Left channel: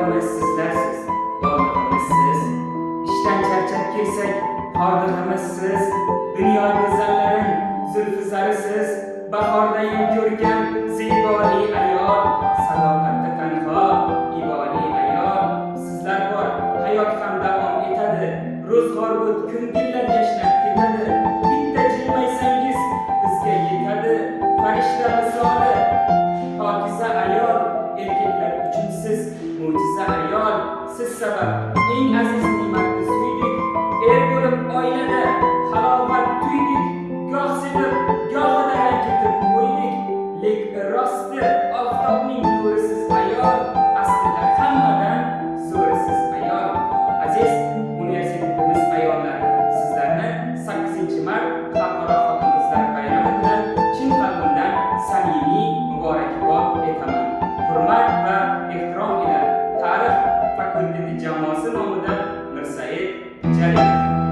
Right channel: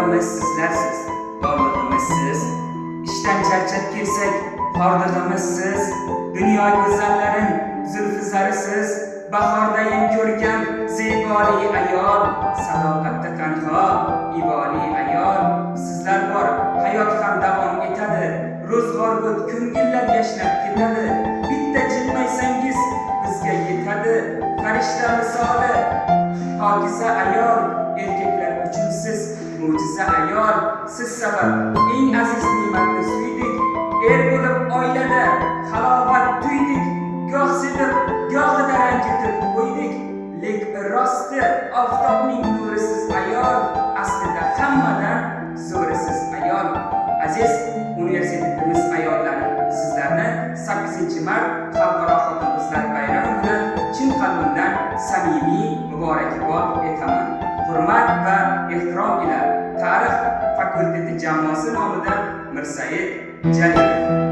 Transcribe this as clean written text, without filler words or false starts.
borlig'imiz sizlarsiz, borlig'imiz siz. Ishdan charchab kelsak, hordig'imiz siz. Dunyo go'zallarin zulfi zarisiz. Bahordayin ko'rgan zeboli ayol, sadoqatda tanho iboli ayol. Sizlar bor, hayot ham davom etadi. Ro'zg'or o't ko'ngillar yashnab ketadi. Bitta jilmaysangiz bizga yetadi. Farishta misoli pokiza ayol, erkaklar uchun siz mo'jiza ayol. Siz sabab eng aziz ne'matni suydik. Er bo'lib oilada halovat tuydik. Goh sevib, gohida ranjitib qo'ydik. Lek rosti oftobning nurisiz ayol, aslida hammadan zo'risiz ayol. Aziz universitetimiz ayollari, sizlarni 8-mart Xalqaro xotin-qizlar bayrami bilan chin qalbimdan samimiy muborakbod etaman. Hurmat va ehtirom ila Tarix fakulteti jamoasi nomidan Mirsaid Jalilov.